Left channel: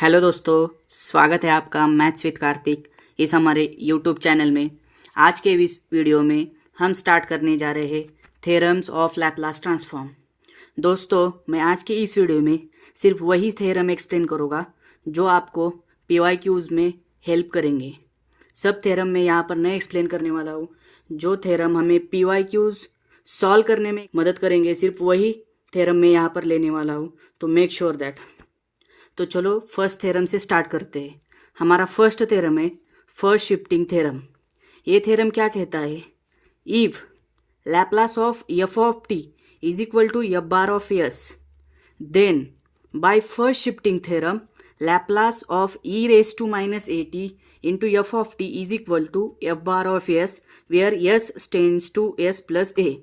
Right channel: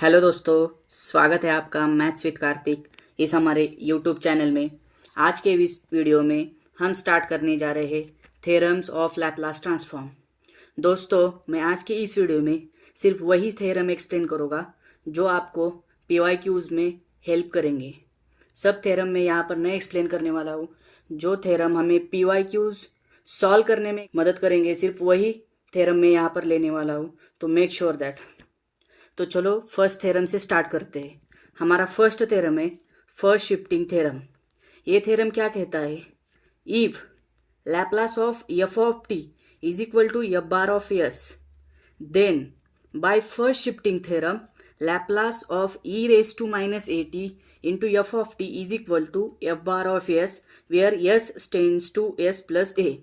Hello दोस्तों, स्वागत है आपका मैथ्स विद कार्तिक इस हमारे यूट्यूब चैनल में। आज के इस वीडियो में हम स्टार्ट करने जा रहे हैं थ्योरम्स ऑफ लैपलास ट्रांसफॉर्म। दोस्तों, मैं आज के इस वीडियो में सिर्फ वही थ्योरम एक्सप्लेन करूँगा जो आपको PYQs में हेल्प करेंगे। सब थ्योरम मैं यहाँ पर नहीं एक्सप्लेन करने वाला हूँ। जो थ्योरम हमें PYQs सॉल्व करने में मदद करेंगे, सिर्फ वही थ्योरम मैं यहाँ पर लेने वाला हूँ। तो मेक श्योर दैट। तो चलो फर्स्ट थ्योरम से स्टार्ट करते हैं। हमारा फर्स्ट थ्योरम है फर्स्ट शिफ्टिंग थ्योरम। ये थ्योरम क्या कहता है? If Laplace of F of T is equal to F bar of S, then by first shifting theorem Laplace of e raise to minus A T into F of T is equal to F bar of S where S tends to S plus A.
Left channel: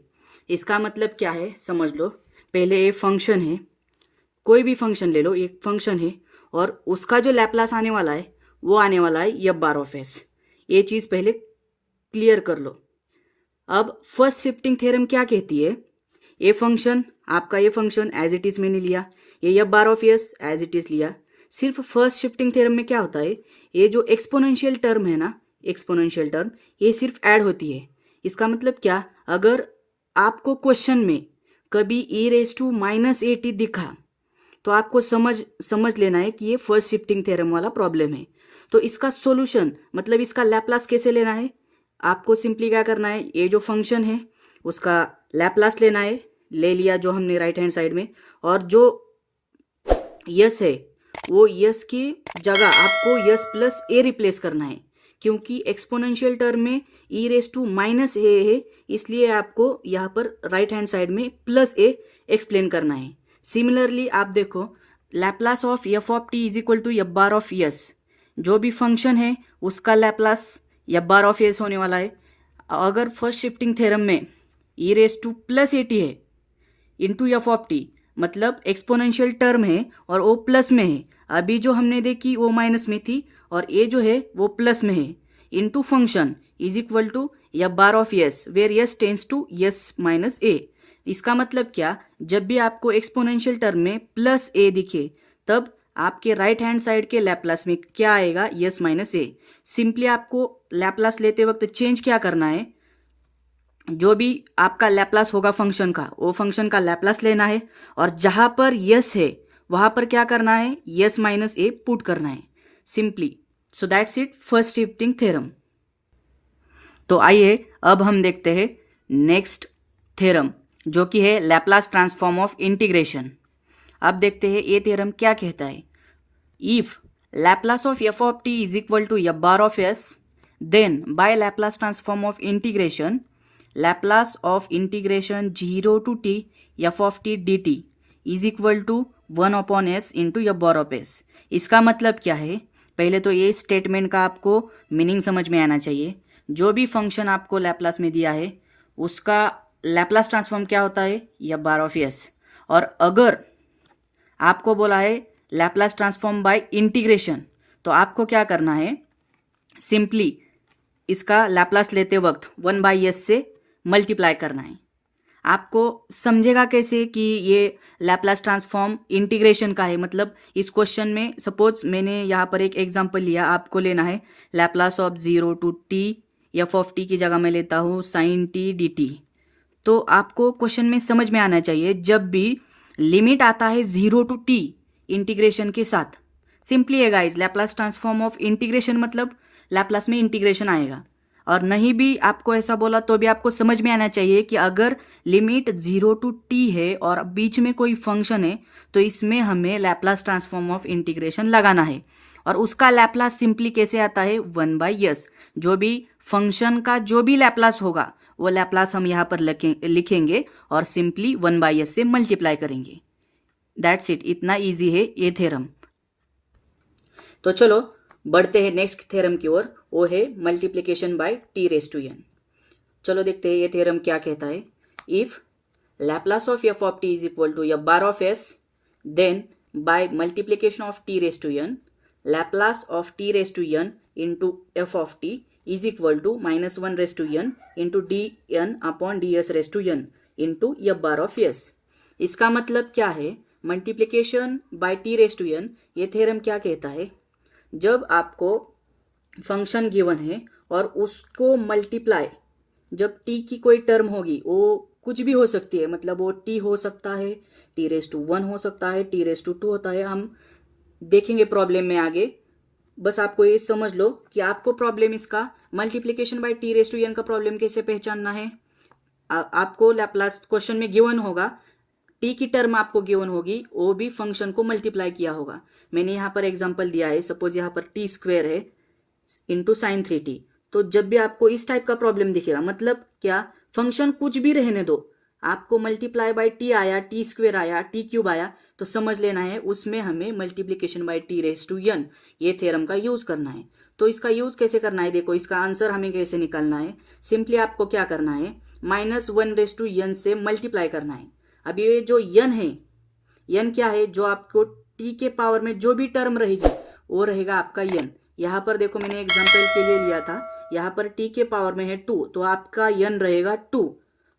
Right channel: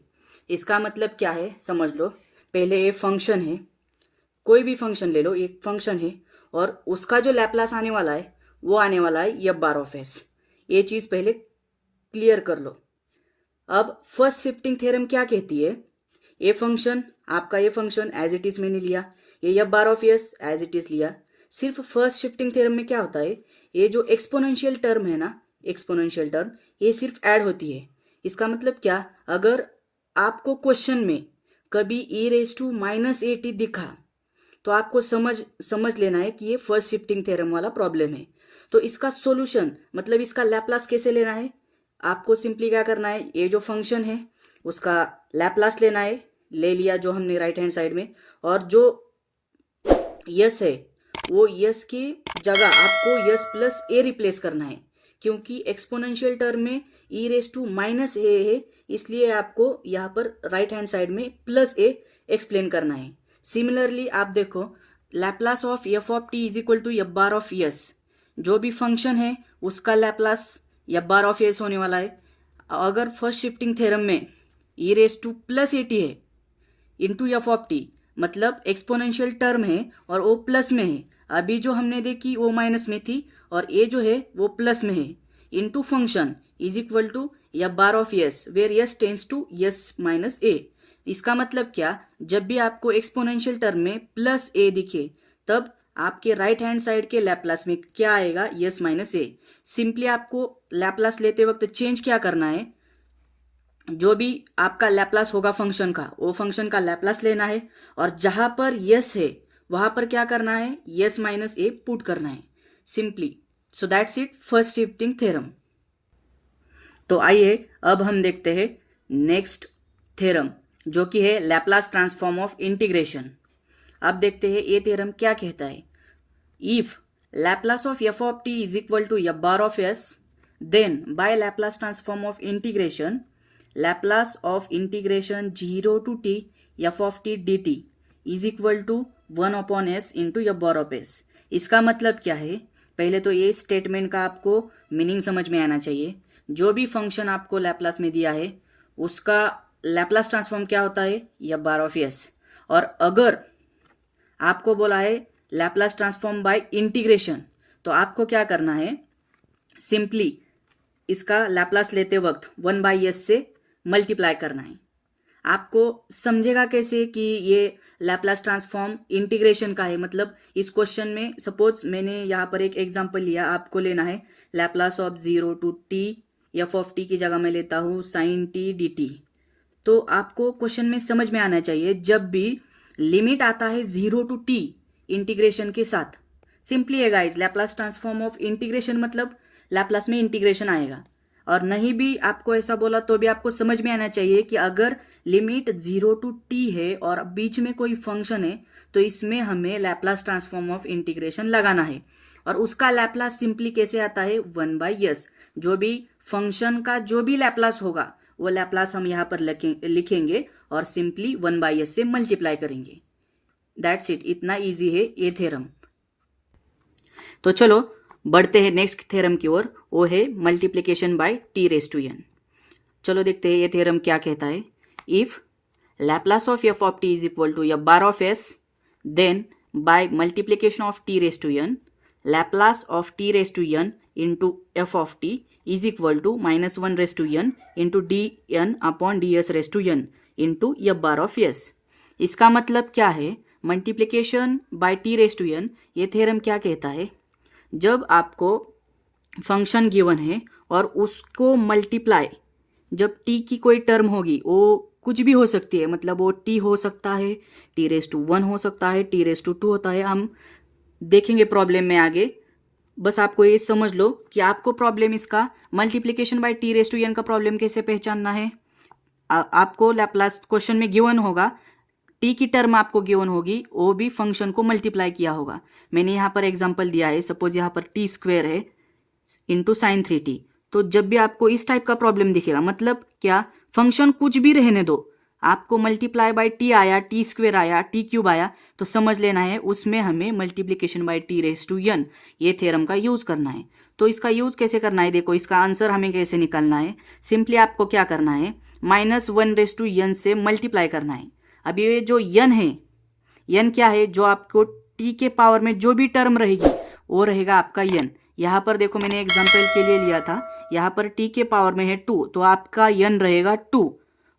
इसका मतलब क्या है समझ लो। पहले ये function है, कोई भी फंक्शन ले लो, एक फंक्शन है और उसका जो लैप्लास आने वाला है वो आने वाला है एफ बार ऑफ एस। ये चीज़ पहले क्लियर कर लो। अब फर्स्ट शिफ्टिंग थ्योरम क्या कहती है? ये फंक्शन, आपका ये फंक्शन एज इट इज मैंने लिया, ये F bar of S as it is लिया। सिर्फ फर्स्ट शिफ्टिंग थ्योरम में क्या होता है, ये जो एक्सपोनेंशियल टर्म है ना, एक्सपोनेंशियल टर्म ये सिर्फ ऐड होती है। इसका मतलब क्या, अगर आपको क्वेश्चन में कभी E raise to minus A T दिखा तो आपको समझ लेना है कि ये फर्स्ट शिफ्टिंग थ्योरम वाला प्रॉब्लम है। तो इसका सॉल्यूशन मतलब इसका लैप्लास कैसे लेना है, आपको सिंपली क्या करना है, ये जो फंक्शन है उसका लैप्लास लेना है, ले लिया जो हमने राइट हैंड साइड में, और जो यस है वो यस की जगह आपको यस प्लस ए रिप्लेस करना है, क्योंकि एक्सपोनेंशियल टर्म में E raise to minus A है, इसलिए आपको यहाँ पर राइट हैंड साइड में प्लस ए एक्सप्लेन करना है। सिमिलरली आप देखो, Laplace of F of T is equal to F bar of S, जो भी फंक्शन है उसका Laplace F bar of S होने वाला है। अगर फर्स्ट शिफ्टिंग थ्योरम में E raise to plus A T है इंटू एफ ऑफ टी, मतलब एक्सपोनेंशियल टर्म है और वो प्लस में है। अभी जो हमने देखी वो माइनस में थी और ये जो है वो प्लस में है, into function is equal to F bar of S where S tends to S minus A. इसका मतलब क्या, जब भी आपको एक्सपोनेंशियल टर्म में प्लस ए दिखे तब आपके राइट हैंड साइड के लैप्लास में क्या आएगा, यस माइनस ए। सिंपली आपको लैप्लास लेते वक्त चेंज क्या करना है, जो भी आपका लैप्लास होगा फंक्शन का, वो फंक्शन का लैप्लास लेना है और जहां पर यस है वहां पर क्या करना है, यस माइनस ए पुट करना है simply. So that's it, first shifting theorem. तो आइए अब हम देखते हैं नेक्स्ट थ्योरम, जो कि है लैप्लास ट्रांसफॉर्म ऑफ इंटीग्रेशन। अब देखते हैं ये थ्योरम क्या कहता है। If Laplace of F of T is equal to F bar of S, then by Laplace transform of integration Laplace of integration 0 to T F of T D T is equal to 1 upon S into F bar of S. इसका मतलब क्या है, पहले तो ये statement का आपको meaning समझ में आना चाहिए। जो भी फंक्शन आपको लैप्लास में दिया है उसका लैप्लास ट्रांसफॉर्म क्या होता है, एफ बार ऑफ एस। और अगर आपको बोला है लैप्लास ट्रांसफॉर्म बाय इंटीग्रेशन, तो आपको क्या करना है, सिंपली इसका लैप्लास लेते वक्त 1 बाई एस से मल्टीप्लाई करना है। आपको समझेगा कैसे कि ये लैप्लास ट्रांसफॉर्म इंटीग्रेशन का है, मतलब इस क्वेश्चन में सपोज मैंने यहाँ पर एक एग्जांपल लिया, आपको लेना है Laplace of 0 to T F of T की जगह मैं लेता हूँ साइन टी डी टी। तो आपको क्वेश्चन में समझ में आना चाहिए, जब भी लिमिट आता है 0 टू टी इंटीग्रेशन के साथ, सिंपली है guys Laplace transform of integration मतलब लैप्लास में इंटीग्रेशन आएगा। और नहीं भी आपको ऐसा बोला तो भी आपको समझ में आना चाहिए कि अगर लिमिट 0 टू टी है और बीच में कोई फंक्शन है तो इसमें हमें लैप्लास ट्रांसफॉर्म ऑफ इंटीग्रेशन लगाना है। और उसका लैप्लास सिंपली कैसे आता है, 1 बाई एस। जो भी फंक्शन का जो भी लैप्लास होगा वो लैप्लास हम यहाँ पर लिखेंगे और सिंपली 1 बाई एस से मल्टीप्लाई करेंगे। दैट्स इट, इतना इजी है ये थ्योरम। तो चलो बढ़ते हैं नेक्स्ट थ्योरम की ओर, वो है multiplication by T raise to N. चलो देखते हैं ये थ्योरम क्या कहता है। If Laplace of F of T is equal to F bar of S, then by multiplication of T raise to N Laplace of T raise to N into F of T is equal to -1 raise to N into D N upon D S raise to N into F bar of S. इसका मतलब क्या है, multiplication by T raise to N, ये theorem क्या कहता है, जब आपको फंक्शन गिवन है और उसको मल्टीप्लाई, जब टी की कोई टर्म होगी वो कुछ भी हो सकती है, मतलब वो टी हो सकता है, टी रेज टू 1 हो सकता है, टी रेज टू 2 होता है, हम देखेंगे प्रॉब्लम में आगे। बस आपको ये समझ लो कि आपको प्रॉब्लम इसका multiplication by T raise to N का प्रॉब्लम कैसे पहचानना है। आपको लैप्लास क्वेश्चन में गिवन होगा, टी की टर्म आपको गिवन होगी, वो भी फंक्शन को मल्टीप्लाई किया होगा। मैंने यहाँ पर एग्जांपल दिया है, सपोज यहाँ पर टी स्क्वेयर है इंटू साइन 3t। तो जब भी आपको इस टाइप का प्रॉब्लम दिखेगा, मतलब क्या, फंक्शन कुछ भी रहने दो, आपको मल्टीप्लाई बाय टी आया, टी स्क्वेयर आया, टी क्यूब आया, तो समझ लेना है उसमें हमें multiplication by T raise to N ये थ्योरम का यूज करना है। तो इसका यूज कैसे करना है, देखो इसका आंसर हमें कैसे निकालना है। सिंपली आपको क्या करना है, -1 रेज टू एन से मल्टीप्लाई करना है। अब ये जो एन है, एन क्या है, जो आपको टी के पावर में जो भी टर्म रहेगी वो रहेगा आपका एन। यहाँ पर देखो मैंने एग्जांपल के लिए लिया था, यहाँ पर टी के पावर में है 2, तो आपका एन रहेगा 2,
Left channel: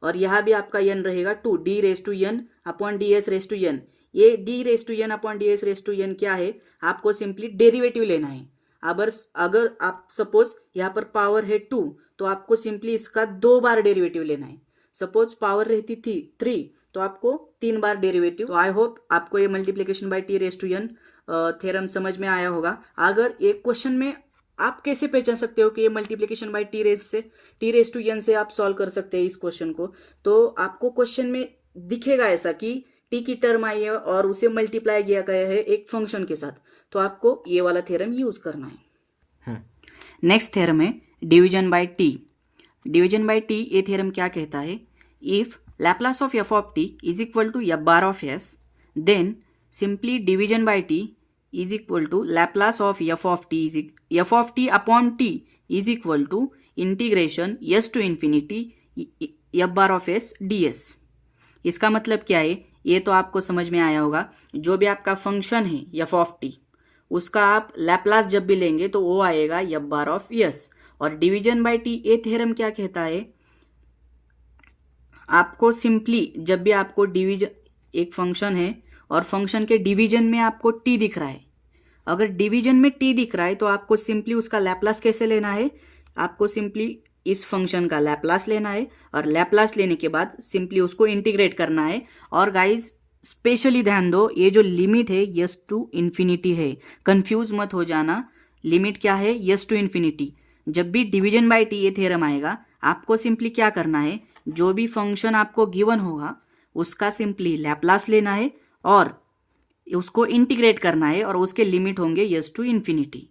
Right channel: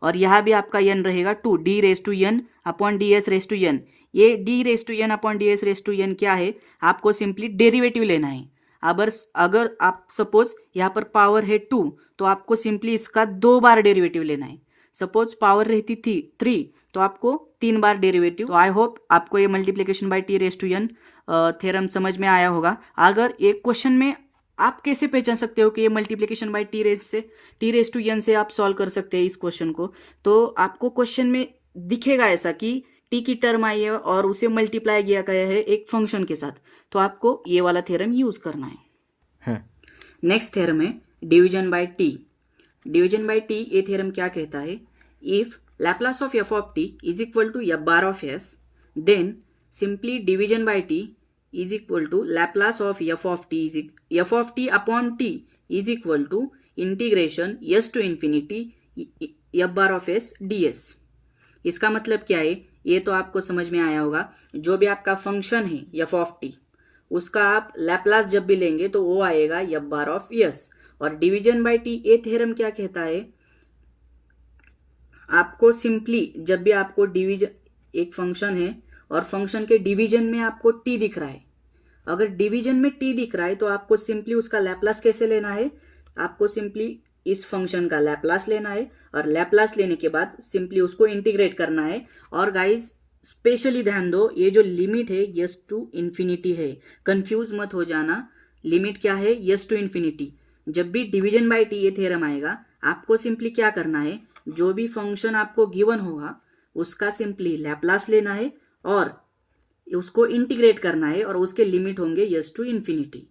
और यहाँ भी आपका एन रहेगा 2, d raise to n upon D s raise to N. ये d raise to n upon D s raise to n क्या है, आपको सिंपली डेरिवेटिव लेना है। अगर आप सपोज यहाँ पर पावर है 2, तो आपको सिंपली इसका 2 बार डेरिवेटिव लेना है। सपोज पावर रहती थी 3, तो आपको 3 बार डेरिवेटिव। तो आई होप आपको ये multiplication by T raise to n theorem समझ में आया होगा। अगर एक क्वेश्चन में आप कैसे पहचान सकते हो कि ये multiplication by T raise to n से आप सॉल्व कर सकते हैं इस क्वेश्चन को, तो आपको क्वेश्चन में दिखेगा ऐसा कि टी की टर्म आई है और उसे मल्टीप्लाई किया गया है एक फंक्शन के साथ, तो आपको ये वाला थ्योरम यूज करना है। नेक्स्ट थ्योरम है division by T. Division by t ये थ्योरम क्या कहता है, if Laplace of f of t is equal to f bar of s, then simply division by t is equal to Laplace of f of t upon t is equal to integration s to infinity f bar of s ds। इसका मतलब क्या है, ये तो आपको समझ में आया होगा। जो भी आपका फंक्शन है f of t, उसका आप लैप्लास जब भी लेंगे तो वो आएगा f bar of s। और डिवीजन बाय टी ये थ्योरम क्या कहता है, आपको सिंपली जब भी आपको डिवीजन, एक फंक्शन है और फंक्शन के डिवीजन में आपको टी दिख रहा है, अगर डिवीजन में टी दिख रहा है तो आपको सिंपली उसका लैप्लास कैसे लेना है, आपको सिंपली इस फंक्शन का लैप्लास लेना है, और लैप्लास लेने के बाद सिंपली उसको इंटीग्रेट करना है। और गाइज स्पेशली ध्यान दो, ये जो लिमिट है यस टू इन्फिनिटी है, कंफ्यूज मत हो जाना। लिमिट क्या है, यस टू इन्फिनिटी। जब भी डिवीजन बाय टी ये थ्योरम आएगा, आपको सिंपली क्या करना है, जो भी फंक्शन आपको गिवन होगा उसका सिंपली लैप्लास लेना है और उसको इंटीग्रेट करना है, और उसके लिमिट होंगे यस टू इन्फिनिटी।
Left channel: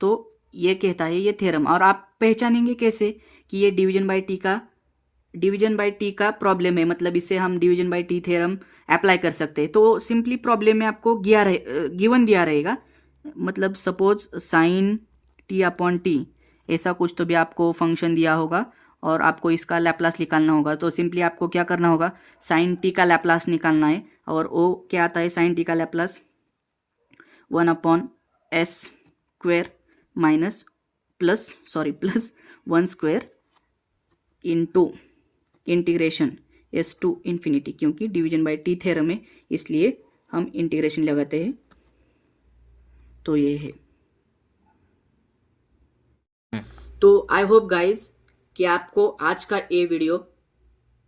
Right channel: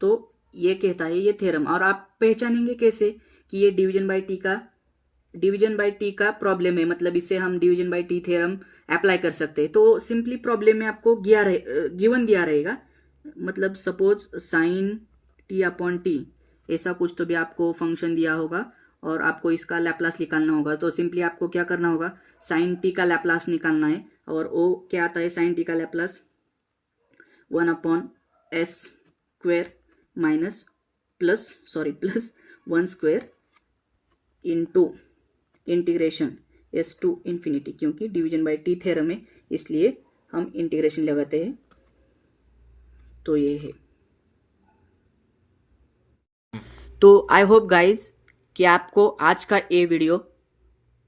तो ये कहता है ये थ्योरम। और आप पहचानेंगे कैसे कि ये डिवीजन बाय टी का प्रॉब्लम है, मतलब इससे हम division by t theorem apply कर सकते हैं। तो सिंपली प्रॉब्लम में आपको गिवन दिया रहेगा, मतलब suppose sine t upon t, ऐसा कुछ तो भी आपको फंक्शन दिया होगा और आपको इसका लैप्लास निकालना होगा। तो सिंपली आपको क्या करना होगा, साइन टी का लैप्लास निकालना है, और वो क्या आता है, साइन टी का Laplace 1 upon s square plus 1 square into integration s to infinity, क्योंकि डिवीजन बाय टी थ्योरम है इसलिए हम इंटीग्रेशन लगाते हैं। तो ये है। तो आई होप गाइज कि आपको आज का ये वीडियो,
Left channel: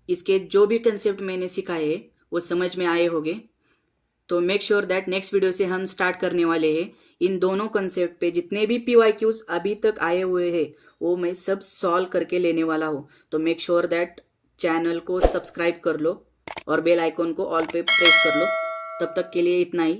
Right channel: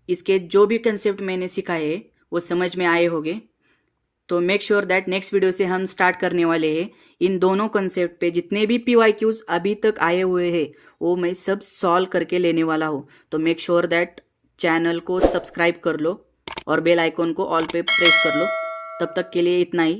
इसके जो भी कंसेप्ट मैंने सिखाए हैं वो समझ में आए होंगे। तो make sure that next video से हम स्टार्ट करने वाले हैं इन दोनों कंसेप्ट पे जितने भी PYQs अभी तक आए हुए हैं वो मैं सब सॉल्व करके लेने वाला हूँ। तो मेक श्योर दैट चैनल को सब्सक्राइब कर लो और बेल आइकॉन को ऑल पे प्रेस कर लो। तब तक के लिए इतना ही।